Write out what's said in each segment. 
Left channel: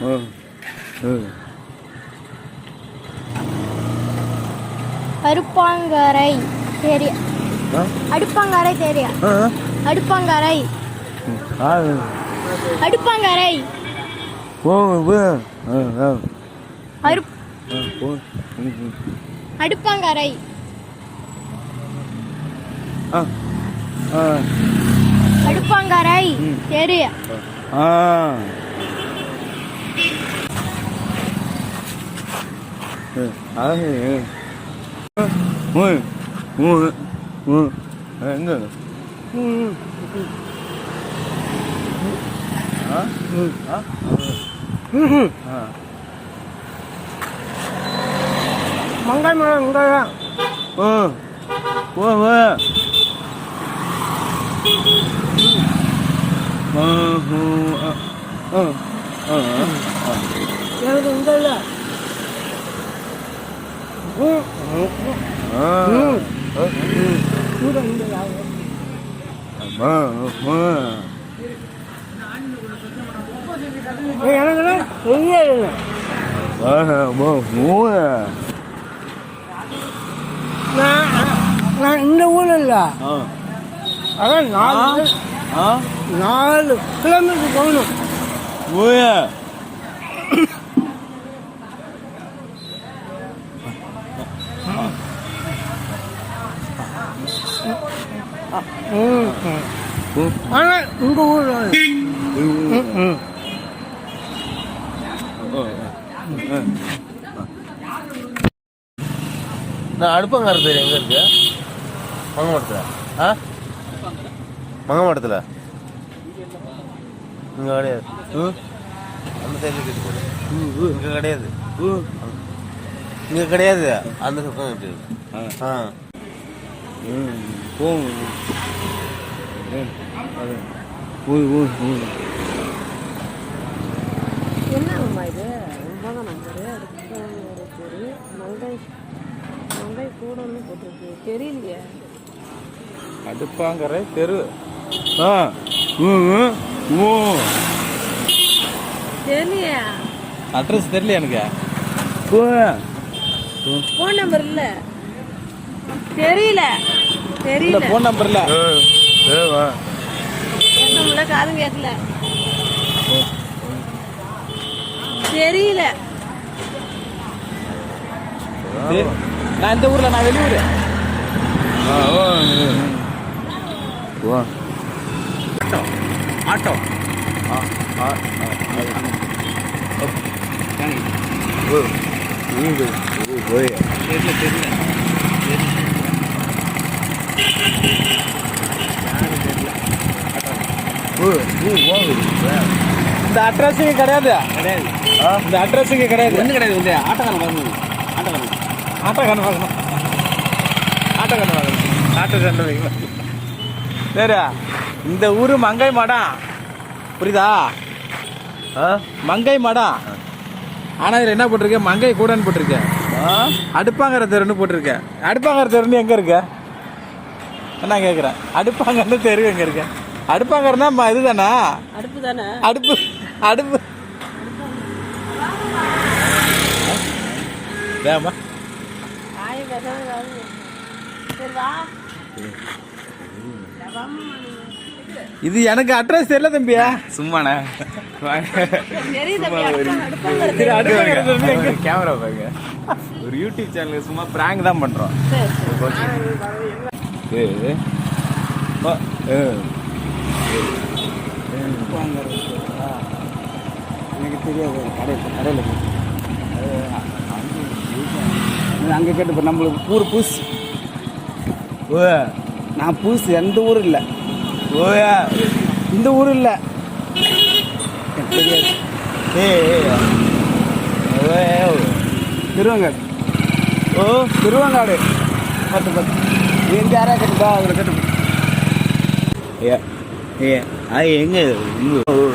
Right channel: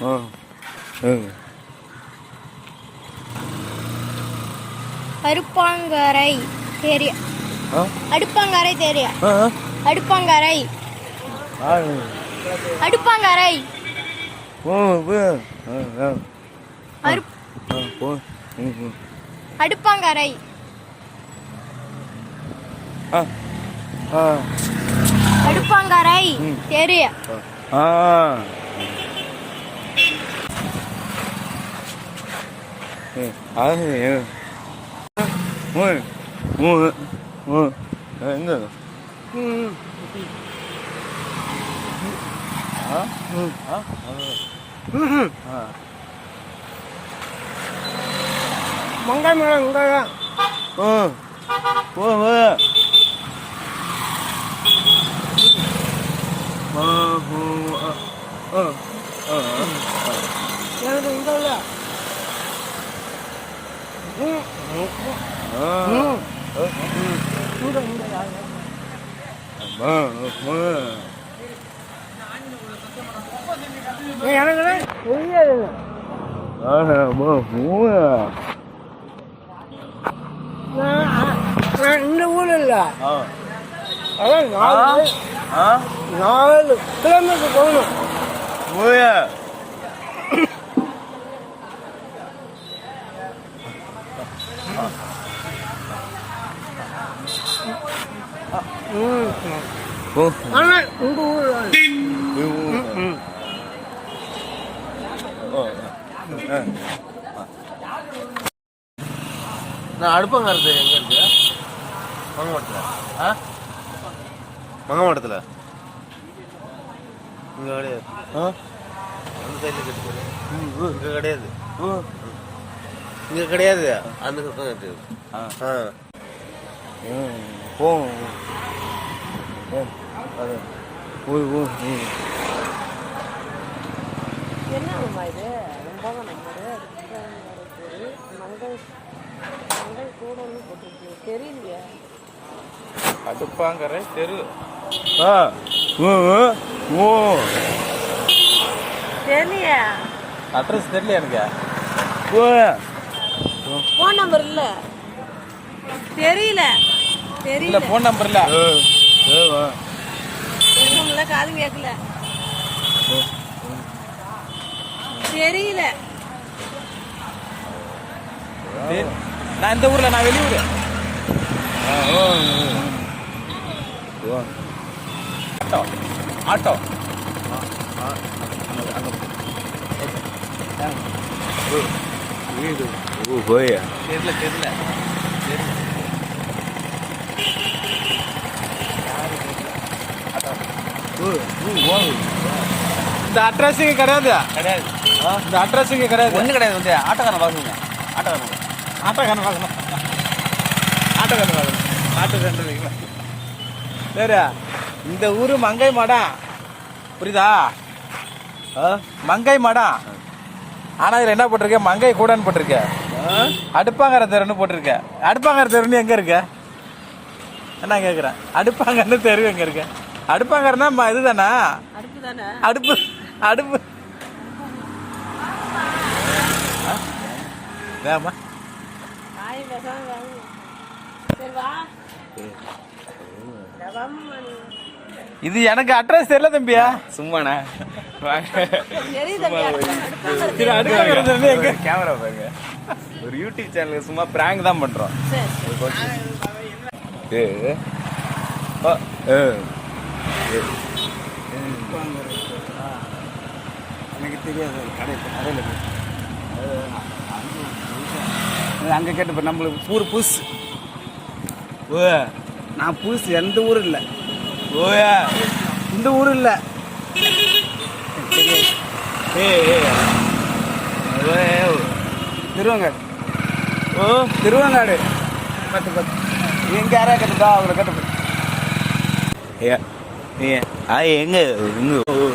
ஓ ம் அடுப்பாங்கரை தெரிய. அடுப்பாங்கரை அடுப்பாங்கரை. அடுப்பாங்கரை. அடுப்பாங்கரை. தெரிய. 아니에요. 왜? 왜? 왜? 안 돼. 응. 아? 응. 아? 응. 아. 망가면 안 가야. 어. 왜, 왜? 어, 어, 어. எனக்கு இந்த இல்லை எனக்கு நான் இந்த ஊர் இல்லை. அதான் நாலு நாலு கிலோமீட்டர் போகணும். 뭐야. ம் 뭐, ஆனால் இந்த ஊரில் 이거. ம் 어, 어, 어. நான் அடுப்பங்கார பேர் எங்க இருக்கு மங்கமடத்துல ஆ மங்கமடத்துல இங்க கிடையாது. அந்த சைடுல இருக்குது இங்க கிடையாது. இங்க கிடையாது. அந்த பக்கம் இருக்குது ஆ. போகும் ஓய் ஓய் ஓய் என்னம்மா இது? ஒன்பதாம் நம்பரு. அதுக்கு ஒரு பேரு மங்கை. மங்கை கூடன்னு போட்டிருக்கு. தெரியலையே. அடுப்பாங்கரை தெரு. ஆ. ஓ ஓ. தெரியலையே. அட்ரஸ் தெரியல எனக்கு? ஓ. ஃபோன் நம்பர் இல்லை. தெரியல. தெரியல. போன் நம்பர் இல்ல. ஏ வா. முடியல காது கேட்கல தெரியல. நான் இந்த ஊர்ல நான் வெளியூர். ஆ ஓ ஓ ஆட்டோ. ஆட்டோ. வீடு. ஓ போய் தெரியல தெரியல. ஓ ஓ ஓ. இந்த அட்ரஸ் இங்க கிடையாது. கிடையாது. இந்த அட்ரஸ் இங்க கிடையாது. ஒன்றும் கிடையாது வந்து ஆட்டோக்காரன் பார்க்கணும் ஆட்டோக்காரன். ஆட்டோக்காரன் பார்க்கணும். ஆட்டோக்காரன் பார்க்கணும். ஆட்டோக்காரன் சரி இந்த ஊரு மங்கை மாடம் புரியுதா? ஆ? மங்கை மாடம் ஆனா இதுல என்ன போட்டிருக்க? மங்கை கூடன்னு போட்டிருக்க. ஆ? அடுப்பாங்கர தெருன்னு போட்டிருக்க. அடுப்பாங்கர தெருன்னு எங்க இருக்க? என்ன கேக்குறேன் அடுப்பாங்கன்னு தெரு எங்க இருக்க? அடுப்பாங்கறனா ம- இதுதானா? அடுப்பு தானே அடுப்பு அடுப்பு பசங்க சரி வா. இது எனக்கு அட்ரஸ் தெரியல தம்பியா? சும்மாண்ணே. கேமரா பாருங்க. ஒரு யூடியூப் சேனலுக்கு சும்மா பிராங்க் தான் பண்றோம். ஏ ஆ, ஏ. எனக்கு தெரியாது. கடையில் கடையில் அங்கே கேட்டு இப்போ நம்மளுக்கு ஊர் புதுசு ஓ நான் புதுசு எந்த ஊரும் இல்லை. ஓயா. இந்த ஊர் இல்லை. தெரியாது ஏ திருவங்காடு ஓ. திருவங்காடு. பத்து பத்து. எங்கே யாராவது கேட்டுக்கா அவங்களை கேட்டு ஏ ஏ ஆ எங்க? ஓ ஓ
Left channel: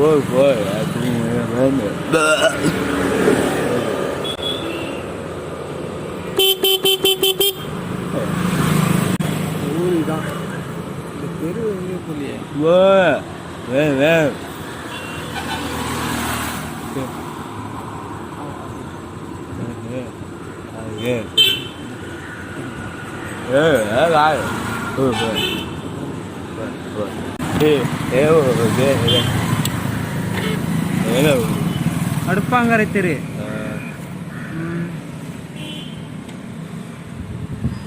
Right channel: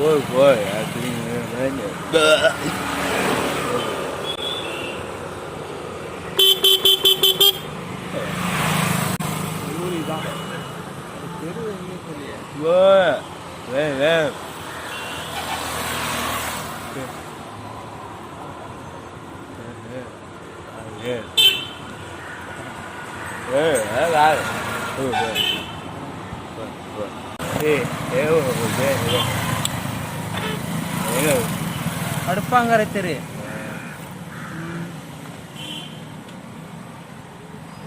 ஓ ஓ அப்படின்னு ஊர் தான் தெரு எங்கே தெரியல ஓ yeah. வே அடுப்பாங்கரை தெரு.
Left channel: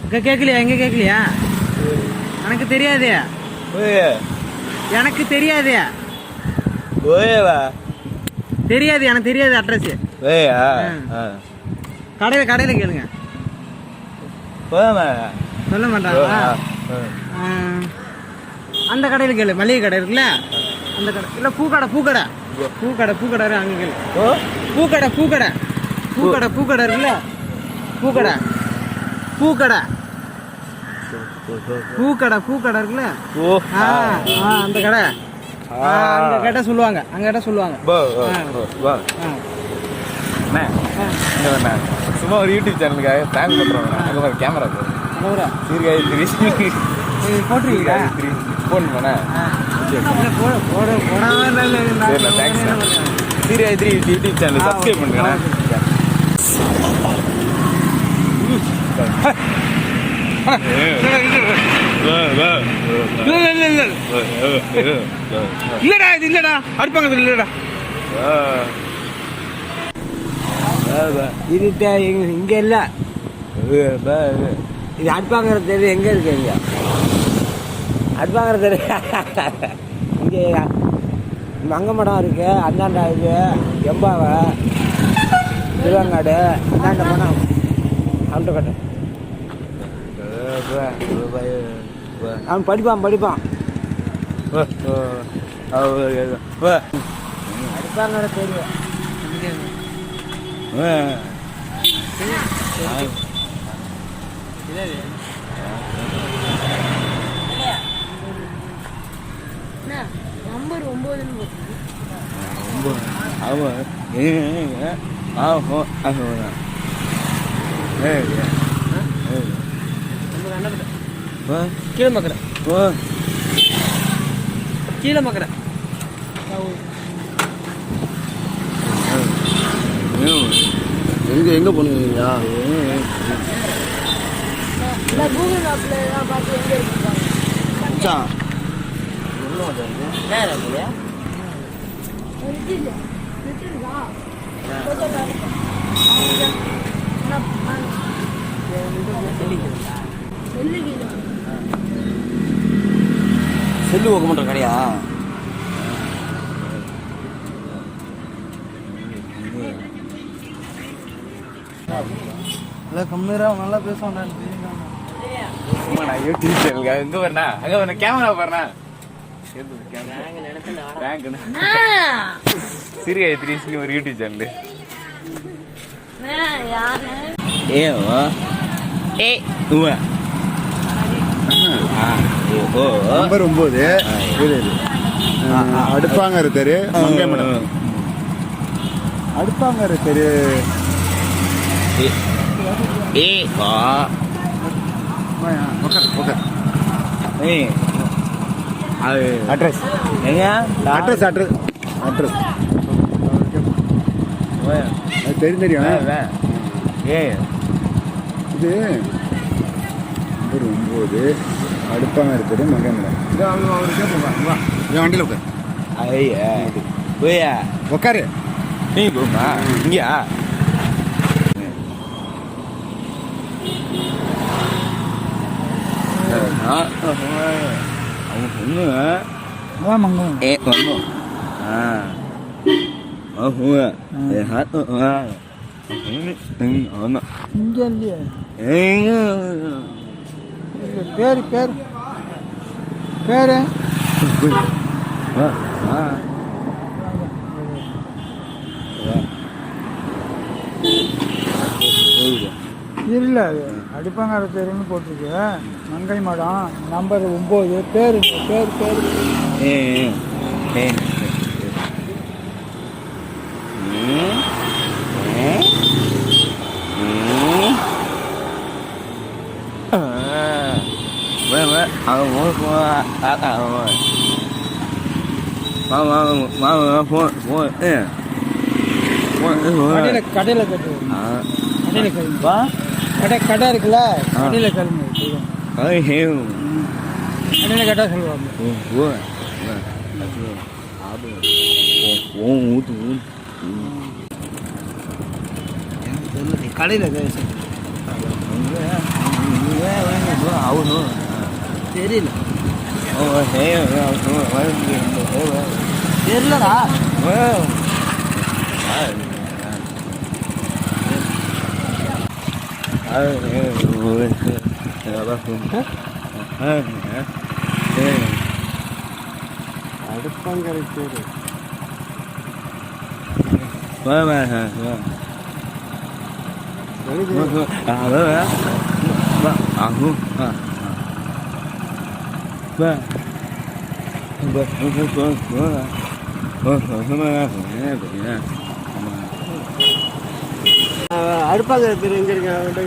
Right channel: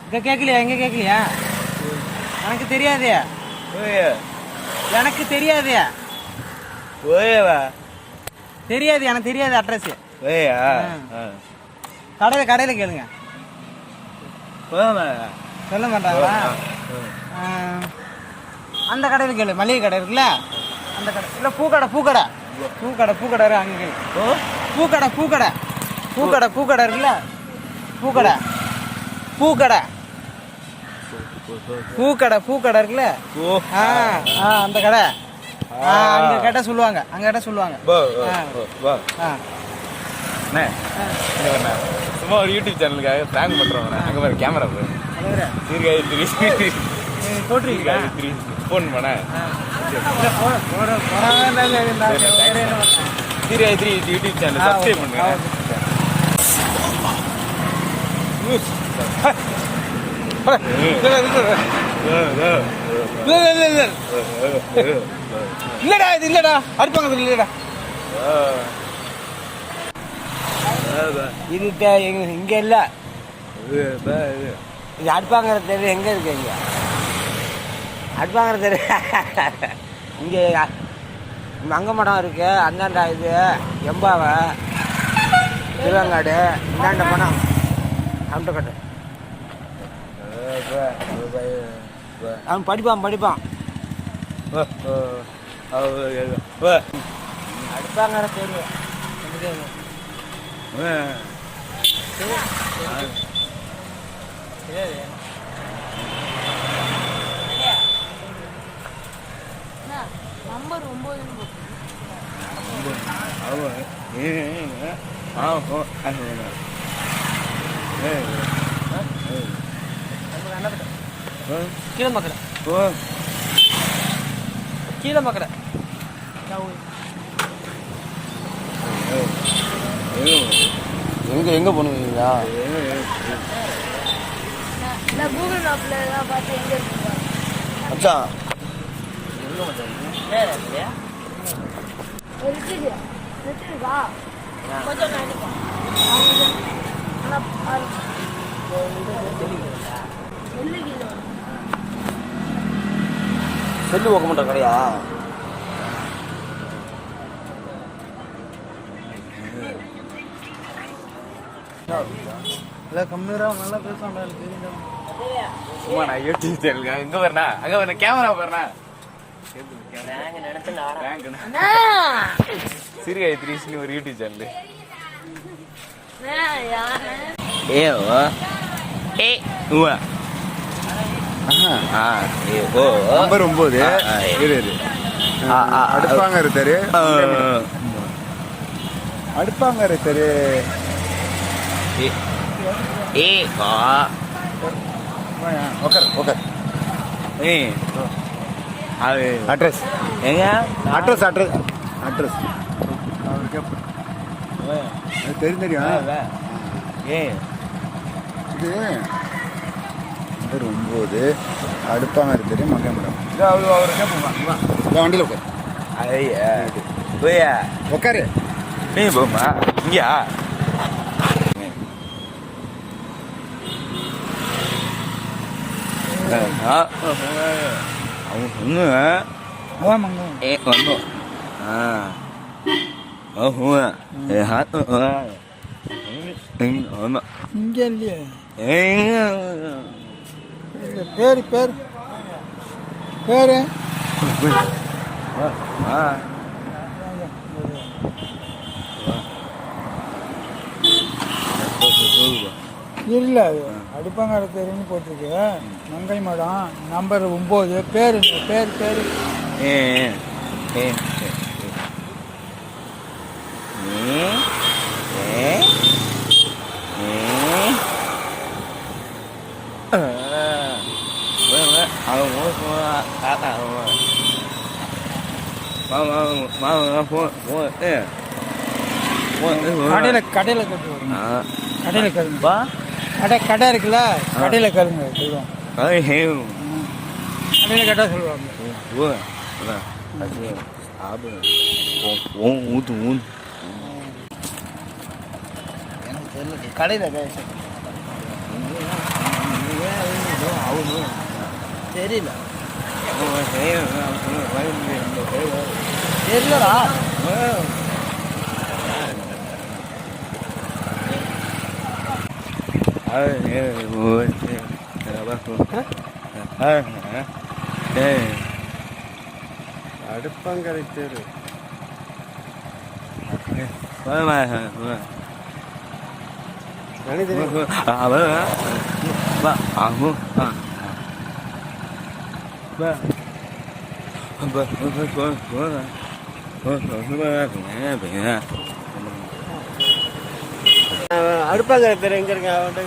அக்கா கேட்கலையா எங்க கேட்கலையா எனக்கு தெரியாது. எனக்கு தெரியாது. ஓயவா? தெரியாது எனக்கு தெரியாது அட்ரஸ் வேயா கடையில கடையில கேளுங்க. சொல்ல மாட்டாங்களா அந்த கடையில கேளு. மளிகை கடை இருக்குல்ல? அந்த கடை. இல்ல பூக்கடை பூக்கடை. பூக்கடை பூக்கடை அங்க கேளு. ஓ. பூக்கடை பூக்கடை. பூக்கடை பூக்கடை இருக்குல்ல? பூக்கடை. பூக்கடை. பூக்கடை பூக்கடை இருக்குல்ல? அந்த கடை. அங்க கேட்டா சொல்லுவாங்க. அங்க கேட்டா சொல்லுவாங்க. சும்மா ஒரு யூடியூப் சேனலுக்காக பிராங்க் பண்றோம் அங்க பாரு கேமரா போ தலைவரே, சீர்காழி த்ரீ த்ரீ ஃபோன் பண்ண? Sirkazhi three YouTube channel subscribe. பண்ணுங்க இல்லடா இது இல்லடா. அடுப்பாங்க இல்லடா. இது இங்க இல்ல. இது அடுப்பாங்கிற தெரு எங்க இருக்கு இங்க? அடுப்பாங்கிற தெரு. இங்க மடம் இருக்கு. அந்தாண்டா இது. எம்பாவை. திருவங்காடு. இந்தாண்ட மடம். கவுண்டர்கட்டு அவன் படிப்பான் படிப்பான். அடுப்பாங்கிற தெரு நம்பர் ஒன்பதுன்னு போட்டுருக்கு. கீழே மக்கடை கீழே மக்கடை எங்க எங்க போனீங்க? கூகுள் மேப்பில் தான் பார்த்து எங்கே இருக்கு வா. கொஞ்சம் செல்லு ஓக்க மாட்டோம் கடையா? இல்லை கம்மிரா நல்லா எனக்கு தெரியுங்க சும்மா நான் யூடியூப் சேனலுக்காக எங்க வரனா அங்க வரணும் கேமரா வரனா. சீர்காழி த்ரீ ஒரு யூடியூப் சேனல் ஏ ஏ நம்பர் ஒன்பது இரு, இரு. அடுப்பாங்கர தெரு. மண்டைமடம். அடுப்பாங்கர தெரு. ஏ அது அட்ரஸ். எங்க? Address address. அட்ரஸ். தெரியும். தெரியும் ஏ. இது. நம்பர் ஒன்பது அடுப்பாங்கர தெரு மங்கைமடம் இந்த வண்டியில் உட்கார் ஐயா போயா உட்காரு நீ போமா இங்கயா இங்கே இல்லையே ஏ பேர் பேர் பேர். வா வா இல்லை அது தெருன்னு போட்டிருக்கு. மங்கை மடம் நம்பர் ஒம்பது பேர் பேர் பேர். ஏ ஏ. ஃபோன் ஃபோன் தாத்தா மாமா மாமா ஃபோன் ஃபோன் கடையில் கடையில் கட்டுவோம். கடையில் கரும்பா. கடை கடை இருக்குல்ல? கடையில் கரும்பு கடையில் கேட்டால் சொல்லுவாங்க. ஓ ஓ ஊத்து ஊத்து கடையில் கரு அவனு தெரியல தெரியலடா அடுப்பாங்கரை பேர் அடுப்பாங்கரை பேர் எங்க இருக்கு அவன்கிட்ட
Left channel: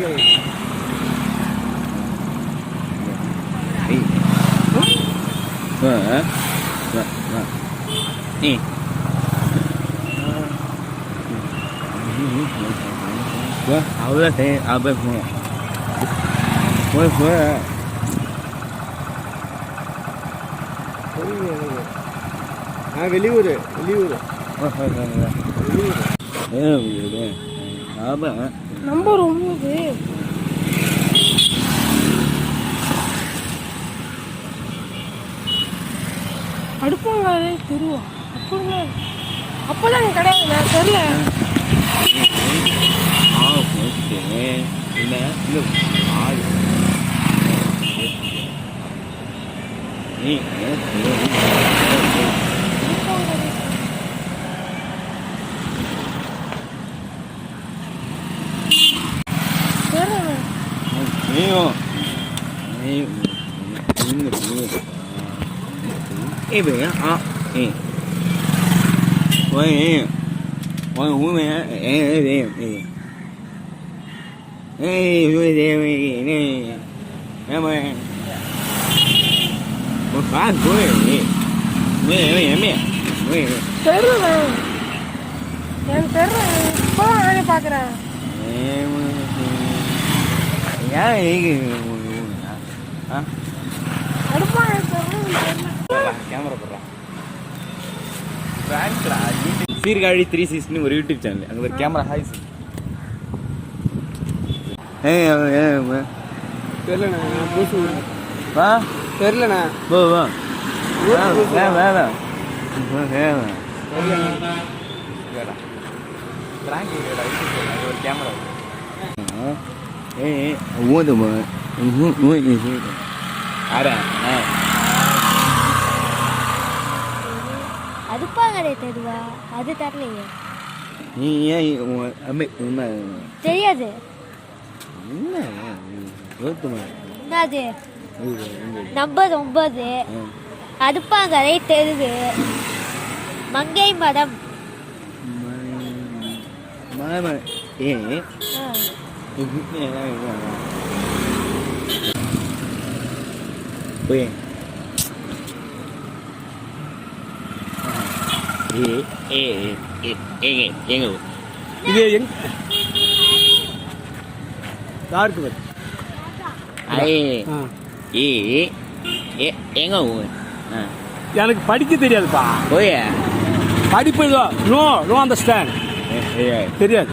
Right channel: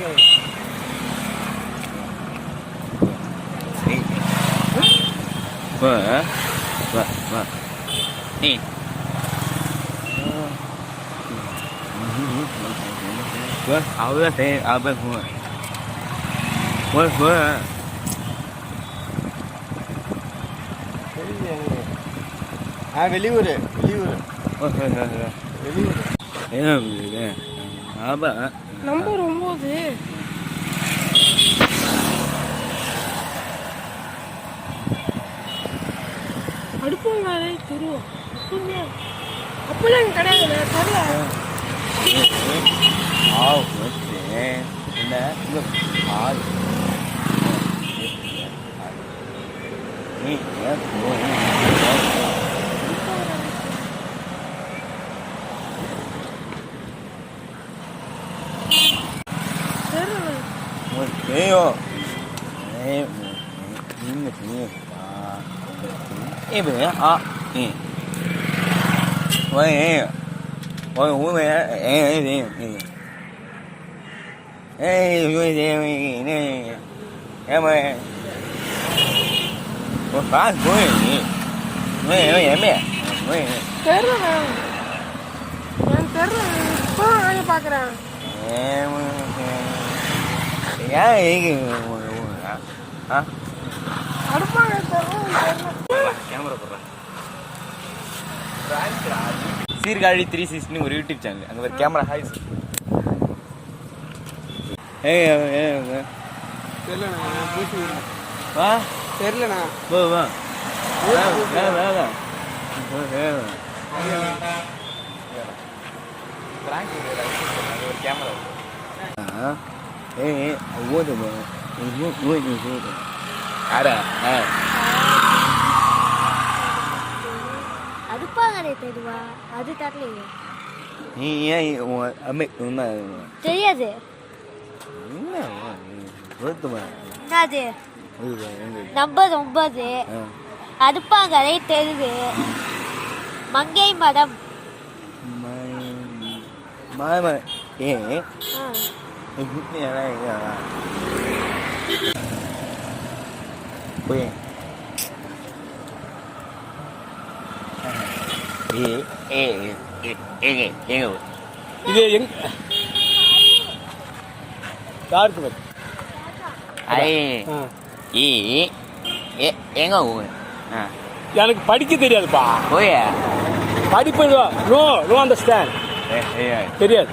அவ்வளோ சரி அப்போ போய் போய் போய் ஆ வெளியூர் வெளியூர். நம்பர் ஒம்பது. அடுப்பாங்காலே தெருவா அப்படிங்களா அப்போல்லாம் எனக்கு கிடையாது நான் தெரியல ஆள் நீ தெரியல 没有，哎，你那边啊，一边啊，嗯，喂，我我们哎哎边哎，哎，有点喂呢，哎喂， fan của mày nhỉ mày mày mày mày தெரியல எனக்கு தெரியல இப்போ நானே பார்க்குறேன். ஏன் ஏங்க ஆ அடுப்பா எனக்கு தெரியல தெரியல கேமரா போடுறேன் பிராங்க்டா சீர்காழி த்ரீ சிக்ஸ்டின்னு ஒரு யூடியூப் சேனல் அங்கே ஒரு கேமரா ஹாய் சார் ஏய் ஏய் தெரியல நான் புதுசு வா தெரியலண்ணா. போ வா. வேணாம் வேணாம் ஒரு கேமரா ஏய் ஊதுமா ஊது ஊது ஆடா ஆ. தருவா? அது தரலைங்க நீ ஏன் அம்மை உண்மை தெரியாது. என்ன என்னது நம்பர் ஒன்பது ஆ. அடுப்பாங்கடை தெருவு. மங்கை மடம். ஏங்க இது எங் யாருக்கு. ஏ ஏ எங்க ஊர் ஆ. எனக்கு படிக்க தெரியாதுப்பா. போய படிப்பு நோ நோ அண்டர்ஸ்டாண்ட் தெரியாது.